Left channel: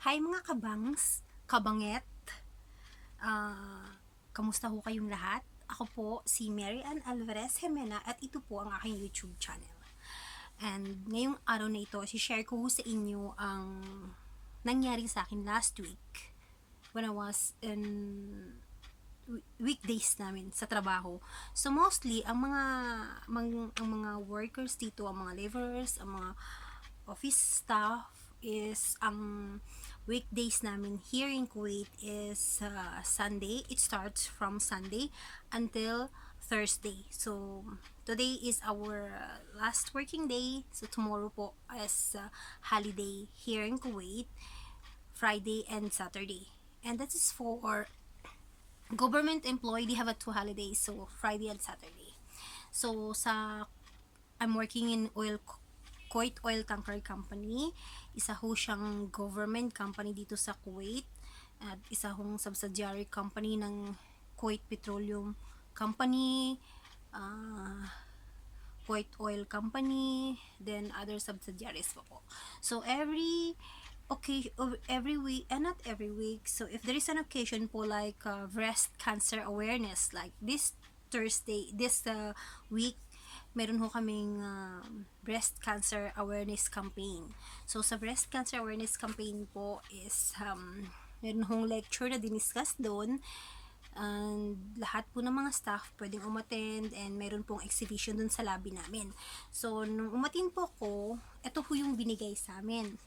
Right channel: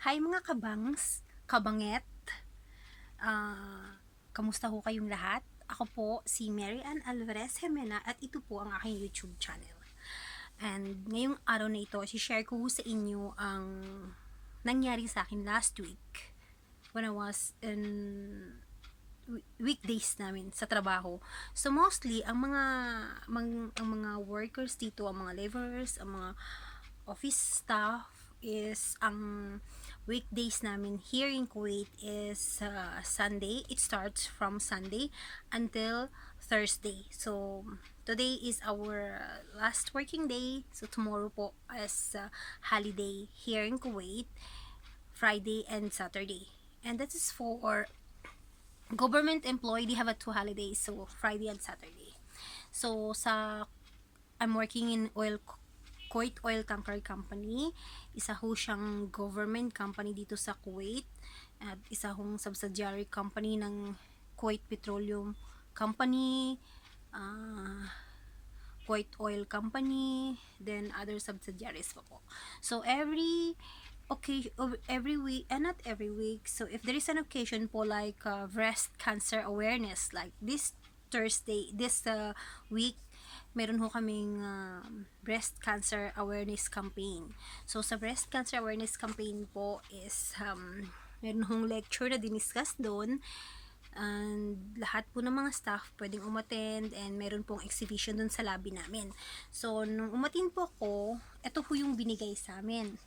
Hi mga kabangs, kabanget, kamusta ho kayong lahat? Ako po si Mary Ann Alvarez Jimena at ito po ang aking YouTube channel. And ngayong araw na ito, share ko sa inyo ang nangyari sa akin last week when I was in weekdays namin sa trabaho. So mostly ang mga workers dito, ang mga laborers, ang mga office staff is ang weekdays namin here in Kuwait is Sunday. It starts from Sunday until Thursday. So today is our last working day. So tomorrow po is holiday here in Kuwait, Friday and Saturday. And that is for government employee. They have a 2 holidays, so Friday and Saturday. So I'm working in Kuwait Oil Tanker Company. Isa ho siyang government company dito sa Kuwait at isa hong subsidiary company ng Kuwait Petroleum Company, Kuwait Oil Company, then other subsidiaries po. So every week, and not every week, so if there is an occasion po like breast cancer awareness, like this week, meron ho kaming breast cancer awareness campaign. So sa breast cancer awareness campaign po is meron hong lecture na diniscuss doon, and lahat po ng mga staff pwedeng umattend, and meron pong exhibition dun sa lobby namin. So nung umattend po ko, ito ho yung binigay sa amin,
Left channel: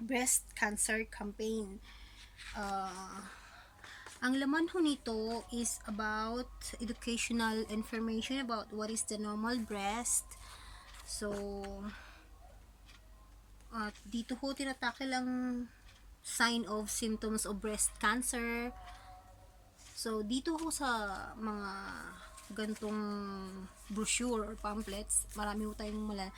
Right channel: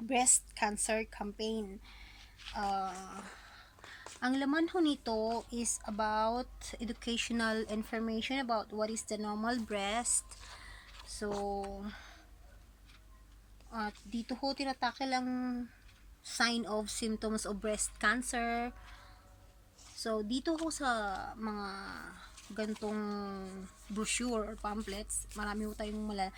breast cancer campaign. Ang laman ho nito is about educational information about what is the normal breast. So at dito ho tinatakil ang sign of symptoms of breast cancer. So dito ho sa mga gantong brochure or pamphlets, marami ho tayong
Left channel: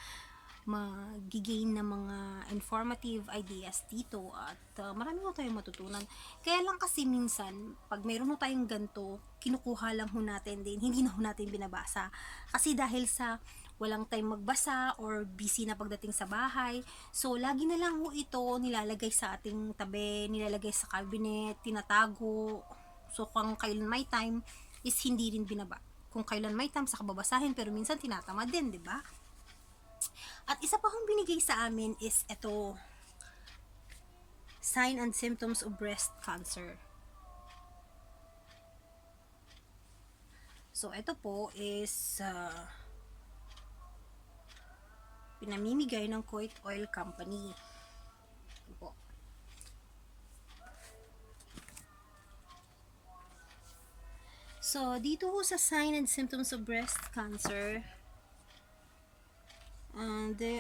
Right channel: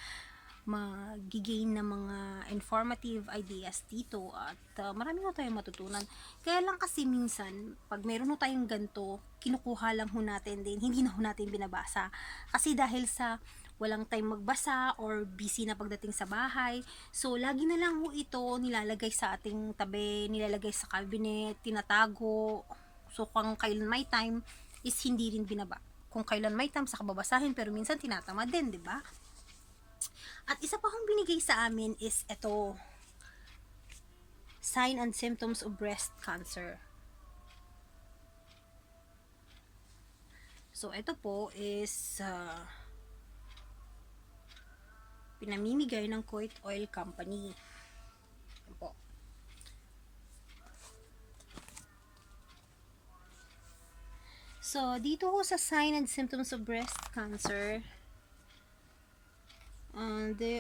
magigain na mga informative ideas dito, at marami ho tayong matutunan. Kaya lang kasi minsan, pag meron ho tayong ganito, kinukuha lang ho natin din, hindi na ho natin binabasa. Kasi dahil sa walang time magbasa or busy na pagdating sa bahay, so lagi na lang ho ito nilalagay sa ating tabi, nilalagay sa cabinet, tinatago. So kung kailan may time is hindi rin kung kailan may time sa kababasahin, pero minsan tinatamad din, 'di ba? At isa pa hong binigay sa amin is ito, sign and symptoms of breast cancer. So ito po is pinamimigay ng Kuwait Oil Company. Ito po. So dito ho sa sign and symptoms of breast cancer, and they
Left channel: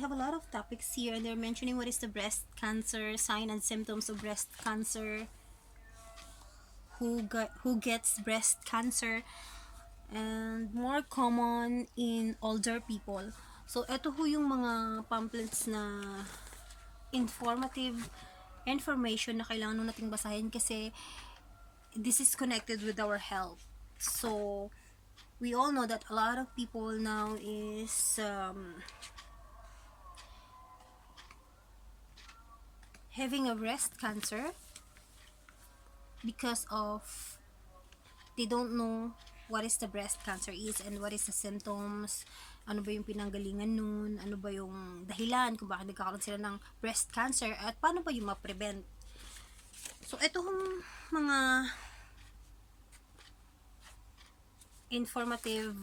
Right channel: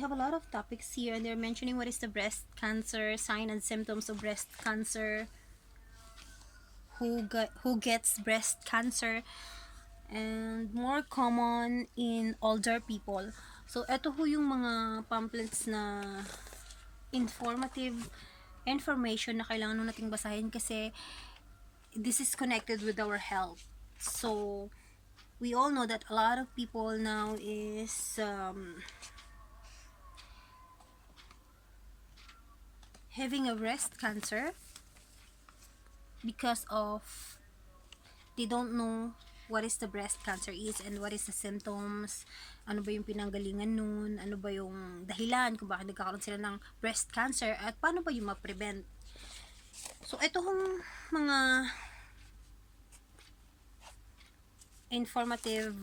have a lot of topics here, and they're mentioning what is the breast cancer, sign and symptoms of breast cancer, who gets breast cancer, and more common in older people. So ito ho yung mga pamphlets na informative information na kailangan nating basahin, kasi this is connected with our health. So we all know that a lot of people now is having a breast cancer because of they don't know what is the breast cancer is and what is the symptoms, ano ba yung pinanggalingan nun, ano ba yung dahilan kung bakit nagkakaroon sila ng breast cancer, at paano ba yung ma-prevent. So ito hong mga informative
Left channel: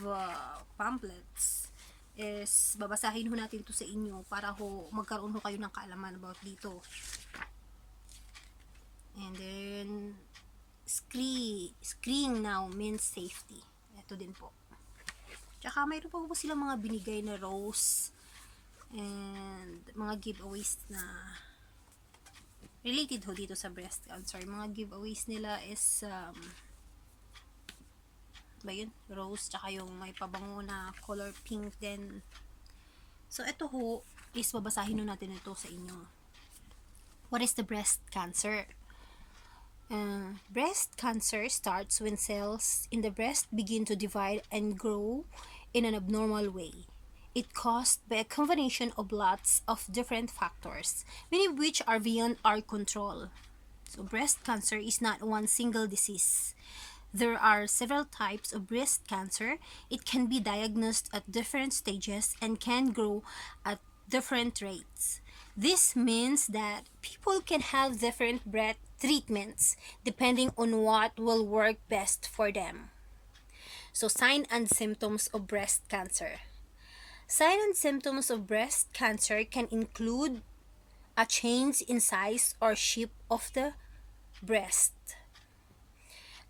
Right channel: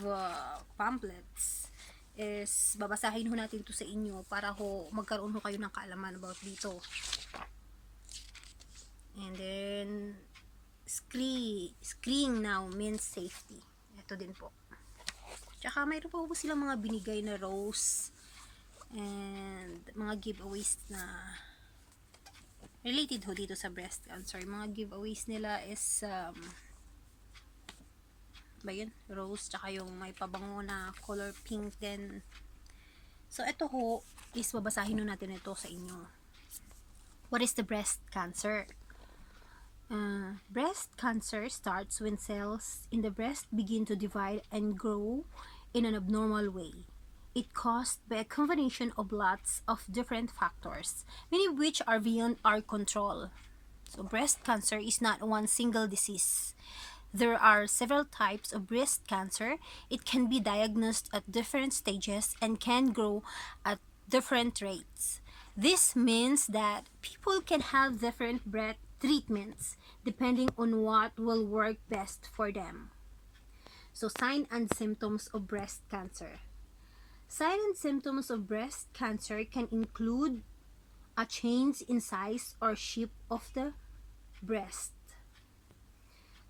pamphlets is babasahin ho natin to sa inyo para ho magkaroon ho kayo ng kaalaman about dito. And then screen now means safety. Ito din po. Tsaka mayroon pa po silang mga binigay na rose and mga giveaways na related ho dito sa breast cancer. Mga giveaways nila is ba yun? Rose, tsaka yung may pabango na color pink din. So ito ho is babasahin ho natin ito sa inyo. What is the breast cancer? Breast cancer starts when cells in the breast begin to divide and grow in an abnormal way. It caused by a combination of lots of different factors, many of which are beyond our control. So breast cancer is not one single disease. There are several types of breast cancer. It can be diagnosed at different stages and can grow at different rates. This means that people can have different breast treatments depending on what will work best for them. So, signs and symptoms of breast cancer. Signs and symptoms of breast cancer can include a change in size or shape of the breast,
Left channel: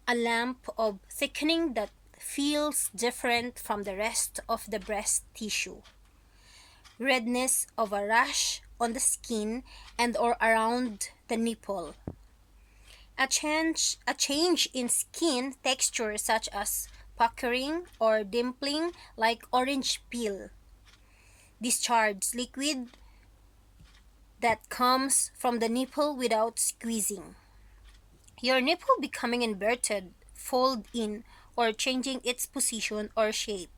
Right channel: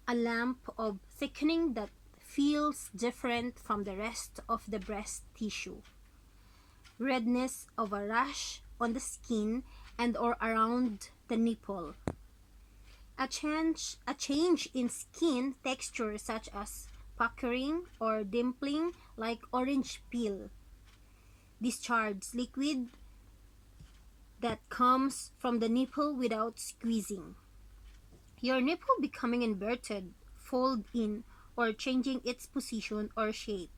a lump of thickening that feels different from the rest of the breast tissue, redness of a rash on the skin and or around the nipple, a change in skin texture such as puckering or dimpling like orange peel, discharge liquid that comes from the nipple without squeezing, your nipple becoming inverted, fold in, or changing its position or shape,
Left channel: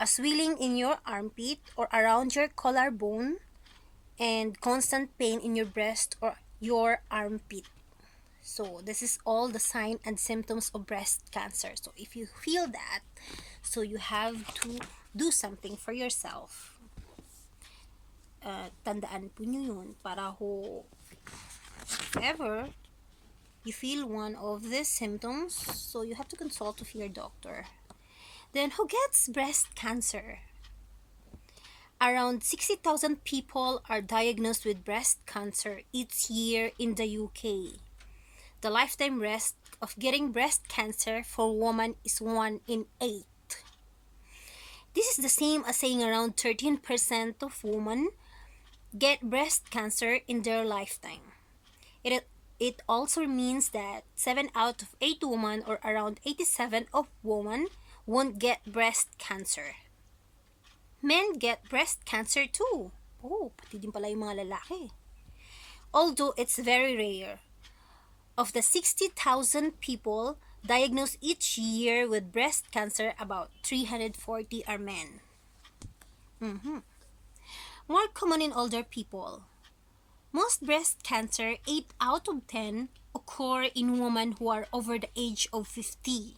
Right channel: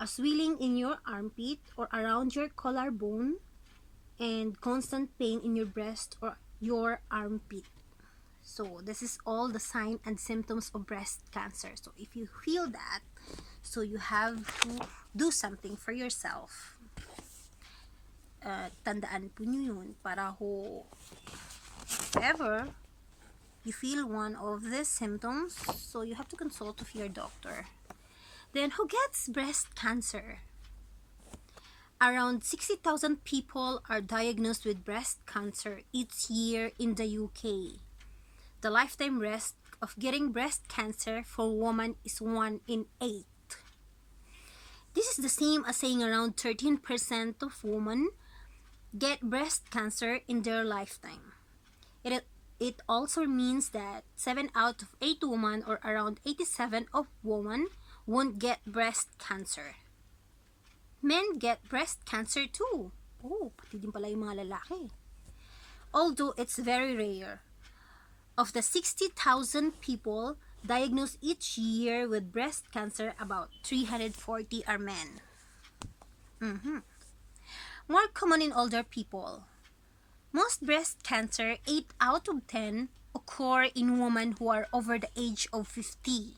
a swelling in your armpit or around your collarbone, and constant pain in your breast or your armpit. So this is all the sign and symptoms of breast cancer. So if you feel that, so you have to do something for yourself. Tandaan po nyo yun para ho ever you feel one of these symptoms, so you have to consult with your doctor. Then who gets breast cancer? Around 60,000 people are diagnosed with breast cancer each year in the UK. The lifetime risk of getting breast cancer for women is 1 in 8. This is the same as saying around 13% of women get breast cancer in their lifetime. It also means that 7 out of 8 women, or around 87 of women, won't get breast cancer. Men get breast cancer too. Oh, pati din pala yung mga lalaki. Although it's very rare. Of the 60,000 people diagnosed each year with breast cancer, about 340 are men. More common in older people. Most breast cancer, 8 out of 10, occur in women who are over the age of 50.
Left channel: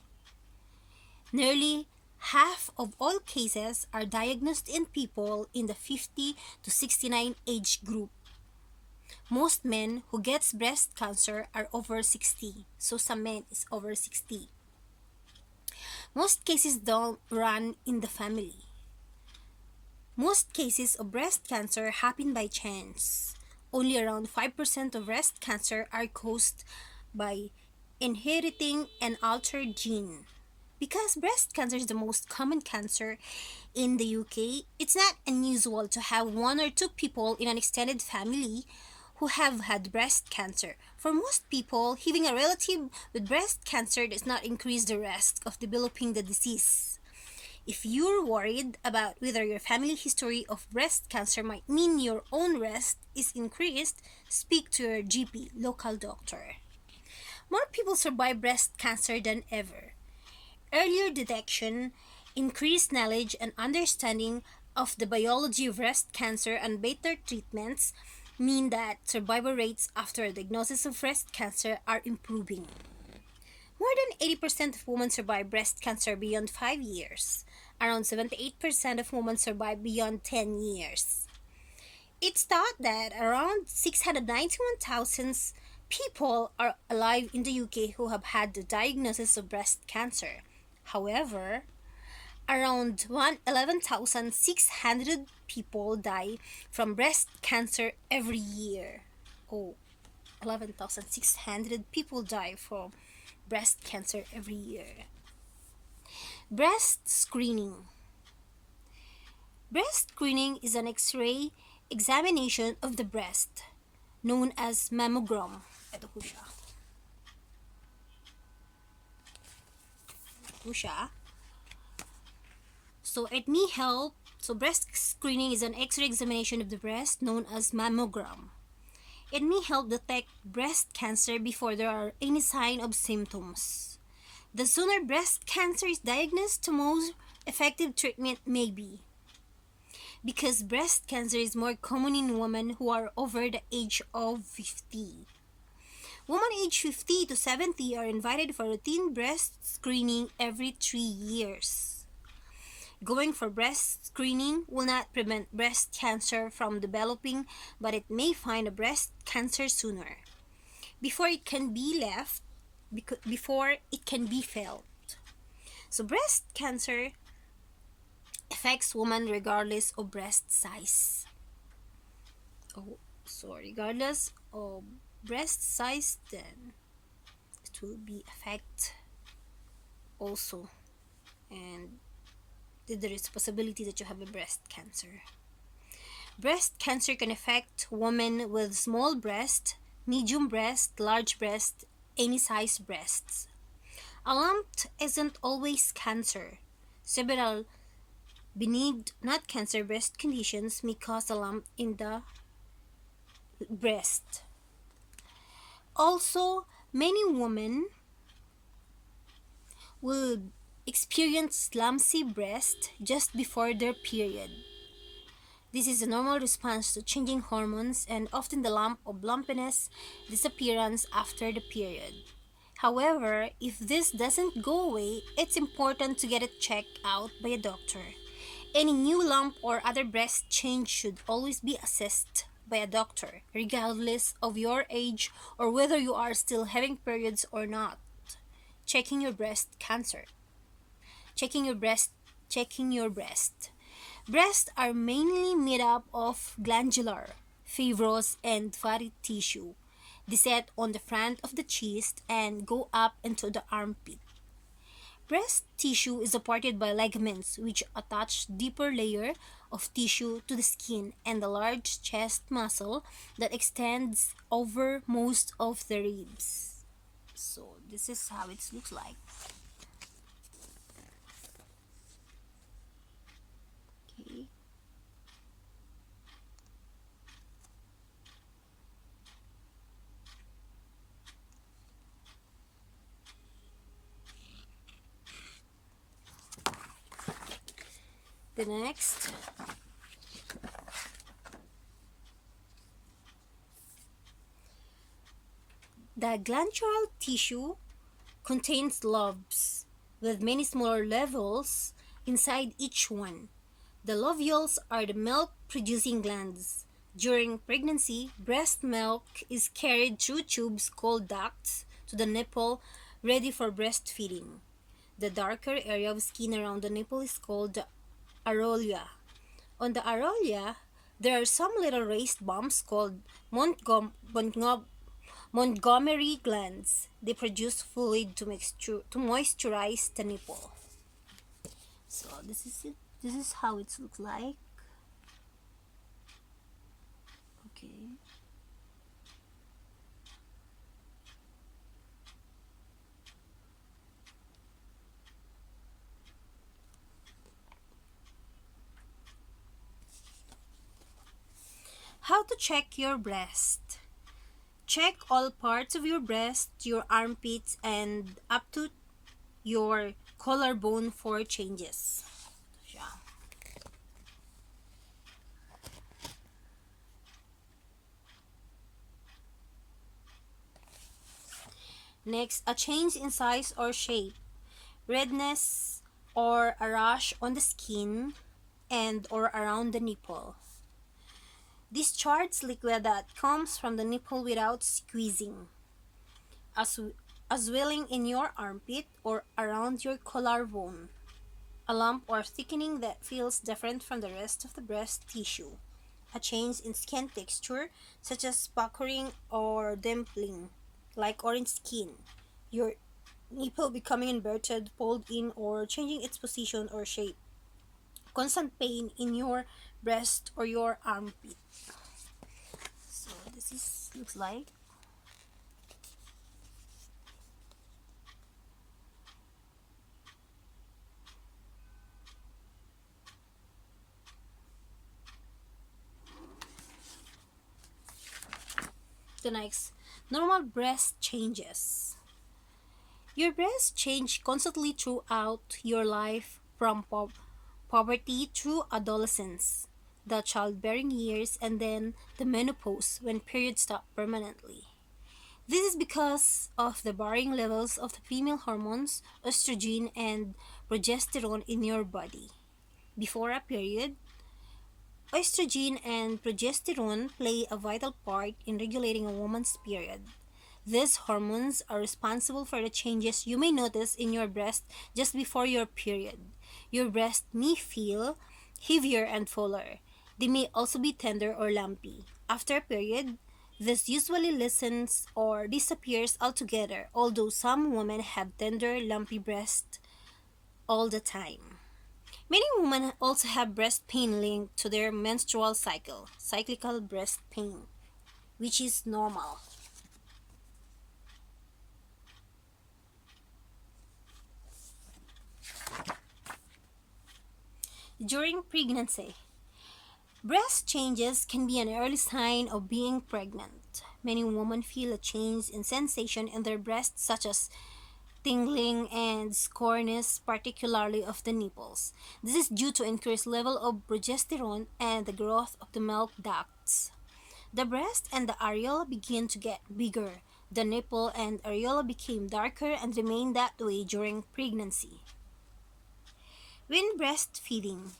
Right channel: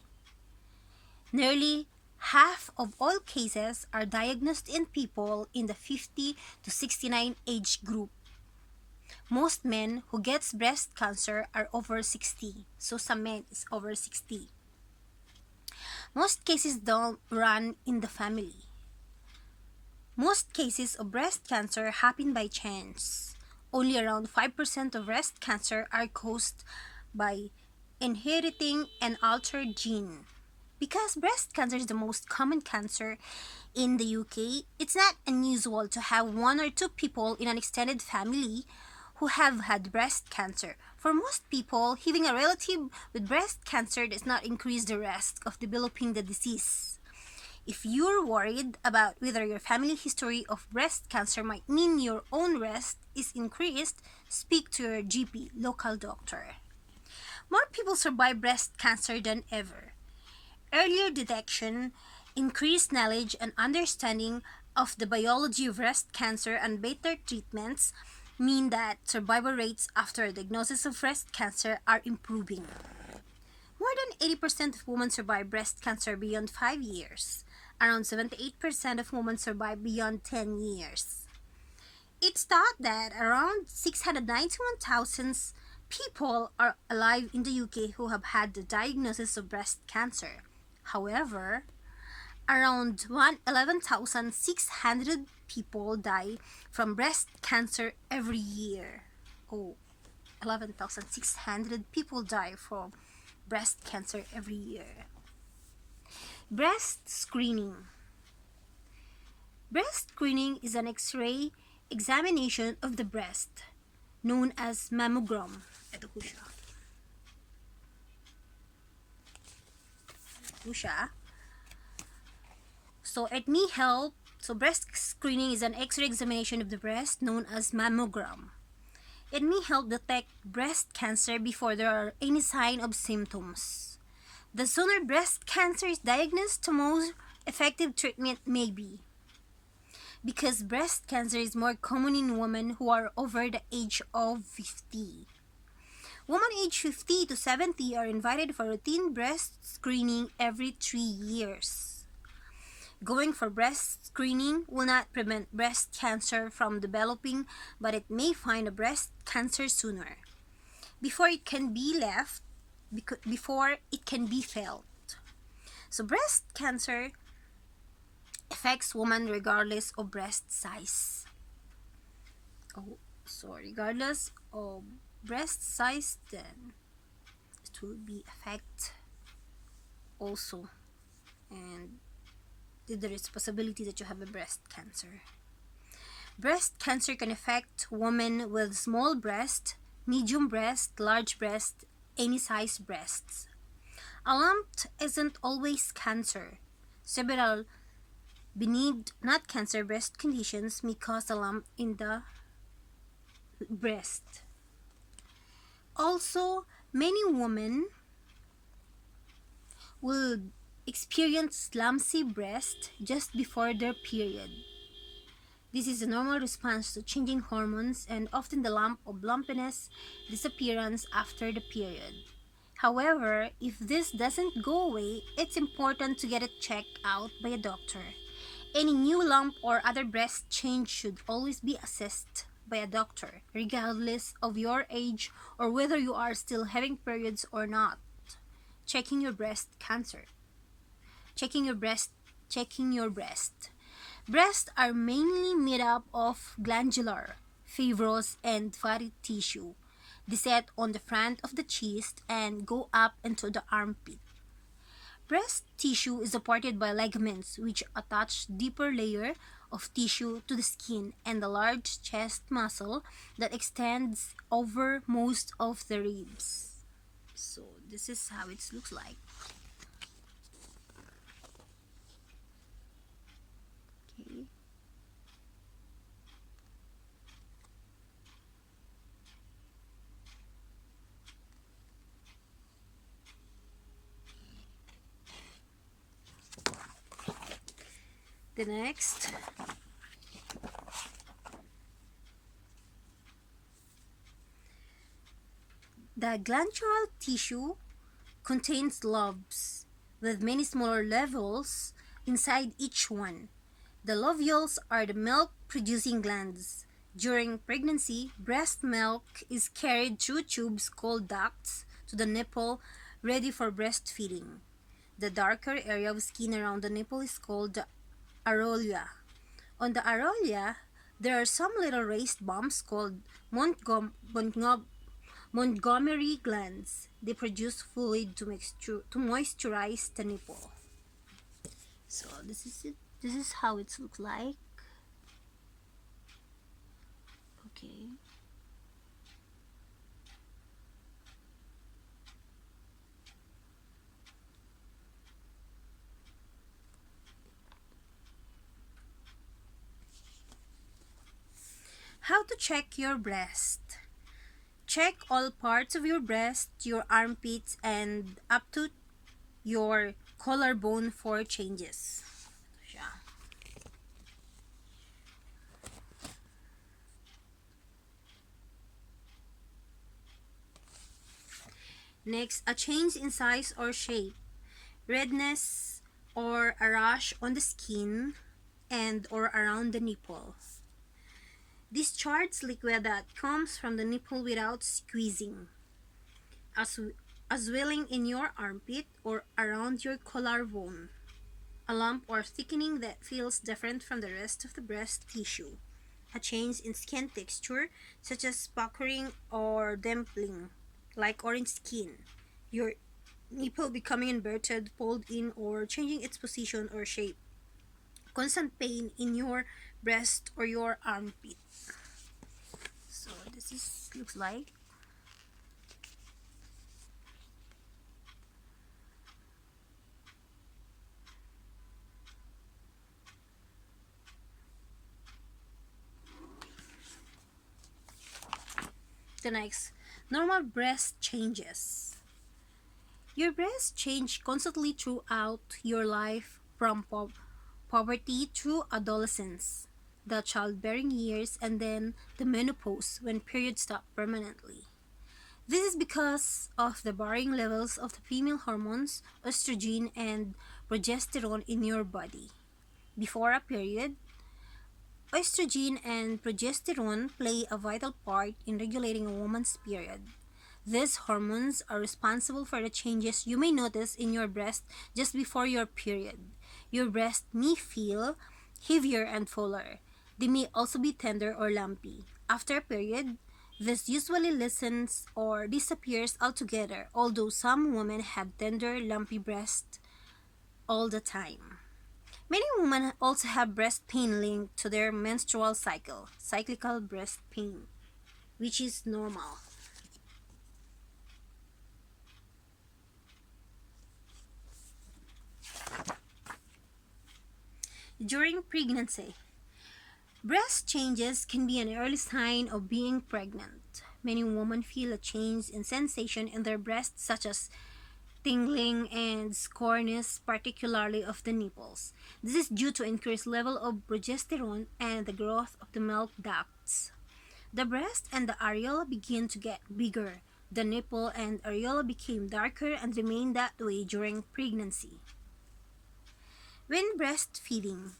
Nearly half of all cases are diagnosed in people in the 50 to 69 age group. Most men who gets breast cancer are over 60, so some men is over 60. Most cases don't run in the family. Most cases of breast cancer happen by chance. Only around 5% of breast cancer are caused by inheriting an altered gene. Because breast cancer is the most common cancer in the UK, it's not unusual to have 1 or 2 people in an extended family who have had breast cancer. For most people, having a relative with breast cancer does not increase the risk of developing the disease. If you're worried about whether your family history of breast cancer might mean your own risk is increased, speak to your GP, local doctor. More people survive breast cancer than ever. Earlier detection, increased knowledge and understanding of the biology of breast cancer, and better treatments mean that survival rates after a diagnosis of breast cancer are improving. More than 80% of women survive breast cancer beyond 5 years. Around 78% of women survive beyond 10 years. It's thought that around 691,000 people are alive in the UK who have had the diagnosis of breast cancer. However, around 11,600 people die from breast cancer every year. 11,600 people die from breast cancer every year. Breast screening. Breast screening is an X-ray examination of the breast, known as mammogram. Ito po siya. So it may help. So breast screening is an X-ray examination of the breast, known as mammogram. It may help detect breast cancer before there are any sign of symptoms. The sooner breast cancer is diagnosed, the more effective treatment may be. because breast cancer is more common in women who are over the age of 50. Women aged 50 to 70 are invited for routine breast screening every 3 years. Going for breast screening will not prevent breast cancer from developing, but it may find a breast cancer sooner, before it can be left, before it can be felt. So breast cancer affects women regardless of breast size. Regardless of breast size, then it will be affect also, and there is a possibility that you have a breast cancer. Breast cancer can affect women with small breast, medium breast, large breast, any size breasts. A lump isn't always cancer. Several benign, not cancer breast conditions may cause a lump in the breast. Also, many women will experience lumpy breast just before their period. This is a normal response to changing hormones, and often the lump of lumpiness disappearance after the period. However, if this doesn't go away, it's important to get it checked out by a doctor. Any new lump or other breast change should always be assessed by a doctor, regardless of your age or whether you are still having periods or not. Checking your breast cancer. Checking your breast. Checking your breast. Breasts are mainly made up of glandular, fibrous, and fatty tissue. They set on the front of the chest and go up into the armpit. Breast tissue is supported by ligaments which attach deeper layer of tissue to the skin and the large chest muscle that extends over most of the ribs. So this is how it looks like. Okay. The next, the glandular tissue contains lobes with many smaller levels inside each one. The lobules are the milk producing glands. During pregnancy, breast milk is carried through tubes called ducts to the nipple, ready for breastfeeding. The darker area of skin around the nipple is called the areola. On the areola, there are some little raised bumps called Montgomery glands. They produce fluid to moisturize the nipple. So this is it. This is how it looks like. Okay. How to check your breast. Check all parts of your breast, your armpits, and up to your collarbone for changes. Yeah. Next, a change in size or shape, redness or a rash on the skin and or around the nipple. Discharge liquid that comes from the nipple without squeezing. A swelling in your armpit or around your collarbone. A lump or thickening that feels different from the rest of the breast tissue. A change in skin texture, such as puckering or dimpling, like orange skin. Your nipple becoming inverted, pulled in, or changing its position or shape. Constant pain in your breast or your armpit. So this is looks like. The next, normal breast changes. Your breasts change constantly throughout your life from puberty through adolescence. the childbearing years, and then the menopause when periods stop permanently. This is because of the varying levels of the female hormones, estrogen and progesterone in your body. Before a period, estrogen and progesterone play a vital part in regulating a woman's period. These hormones are responsible for the changes you may notice in your breast just before your period. Your breast may feel heavier and fuller. They may also be tender or lumpy. After a period, this usually lessens or disappears altogether, although some women have tender, lumpy breasts all the time. Many women also have breast pain linked to their menstrual cycle, cyclical breast pain, which is normal. During pregnancy, breast changes can be an early sign of being pregnant. Many women feel a change in sensation in their breasts, such as tingling and soreness, particularly of the nipples. This is due to increased level of progesterone and the growth of the milk ducts. The breast and the areola begin to get bigger. The nipple and areola became darker and remain that way during pregnancy. When breastfeeding,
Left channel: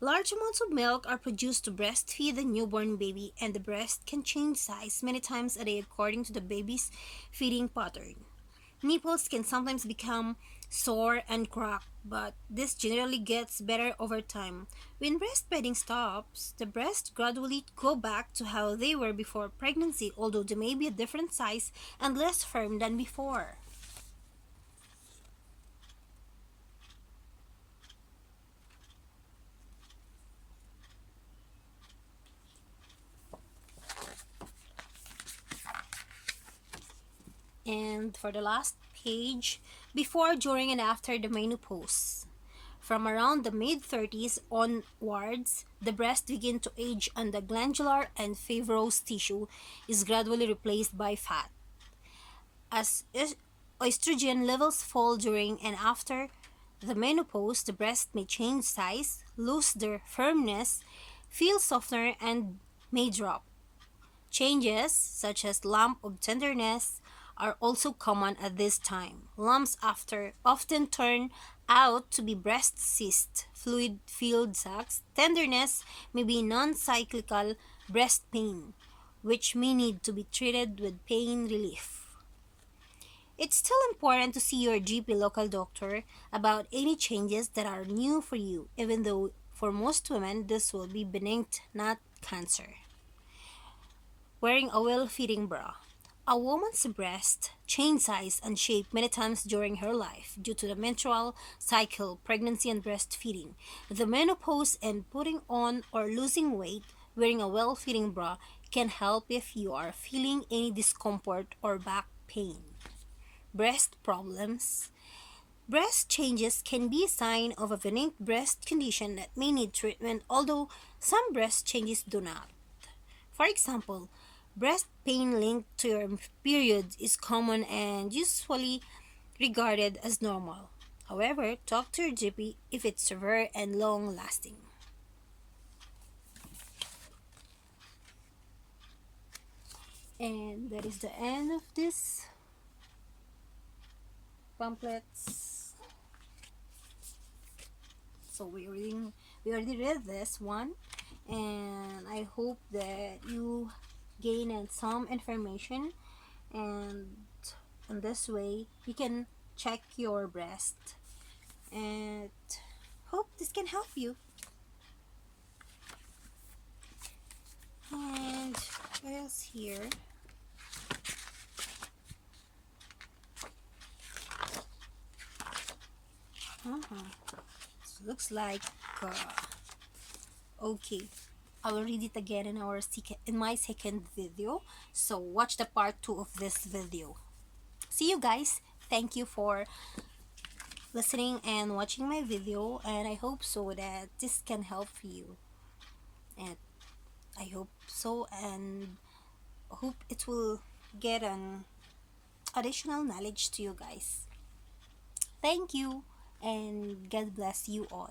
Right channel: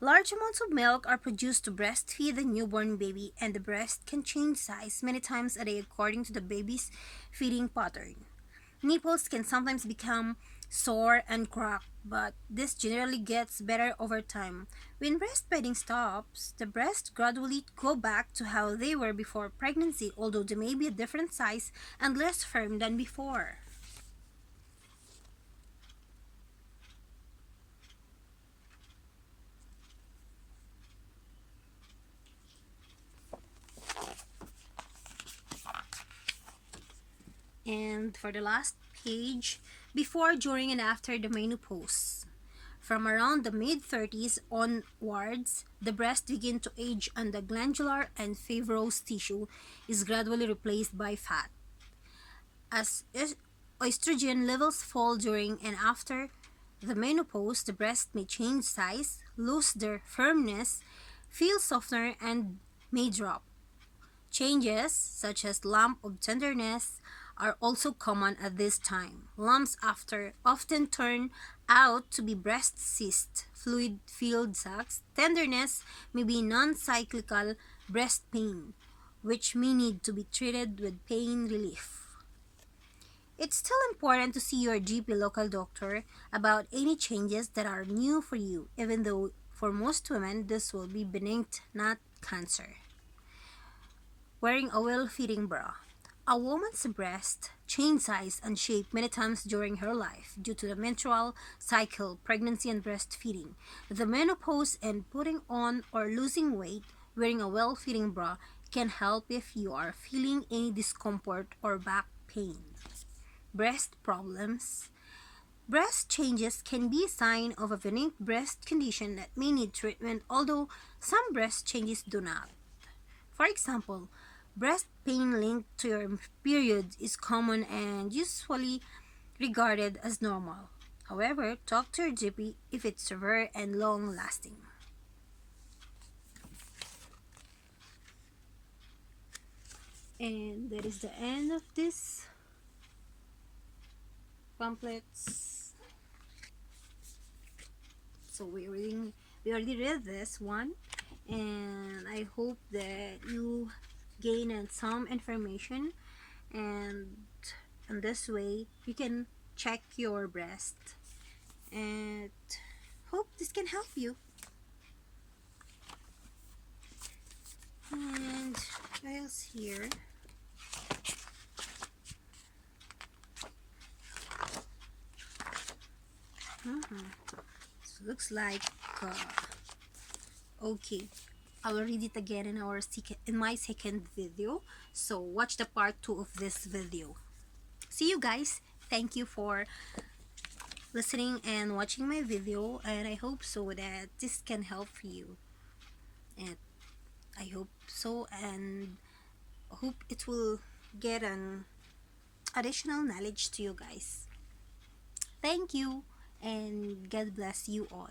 large amounts of milk are produced to breastfeed the newborn baby, and the breast can change size many times a day according to the baby's feeding pattern. Nipples can sometimes become sore and cracked, but this generally gets better over time. When breastfeeding stops, the breasts gradually go back to how they were before pregnancy, although they may be a different size and less firm than before. And for the last page, before, during, and after the menopause. From around the mid 30s onwards, the breast begin to age and the glandular and fibrous tissue is gradually replaced by fat. As estrogen levels fall during and after the menopause, the breast may change size, lose their firmness, feel softer, and may drop. Changes, such as lump of tenderness, are also common at this time. Lumps after often turn out to be breast cysts, fluid-filled sacs. Tenderness may be non-cyclical breast pain, which may need to be treated with pain relief. It's still important to see your GP local doctor about any changes that are new for you, even though for most women this will be benign, not cancer. Wearing a well-fitting bra. A woman's breast change size and shape many times during her life due to the menstrual cycle, pregnancy, and breastfeeding. The menopause and putting on or losing weight, wearing a well-fitting bra can help if you are feeling any discomfort or back pain. Breast problems. Breast changes can be a sign of a benign breast condition that may need treatment, although some breast changes do not. For example, breast pain linked to your period is common and usually regarded as normal. However, talk to your GP if it's severe and long lasting. And that is the end of this pamphlets. So we already read this one, and I hope that you gain some information, and in this way you can check your breast, and hope this can help you. And what else here? Looks like uh, okay, I will read it again in my second video, so watch the part 2 of this video. See you guys. Thank you for listening and watching my video, and I hope so that this can help you, and I hope so, and hope it will get an additional knowledge to you guys. Thank you, and God bless you all.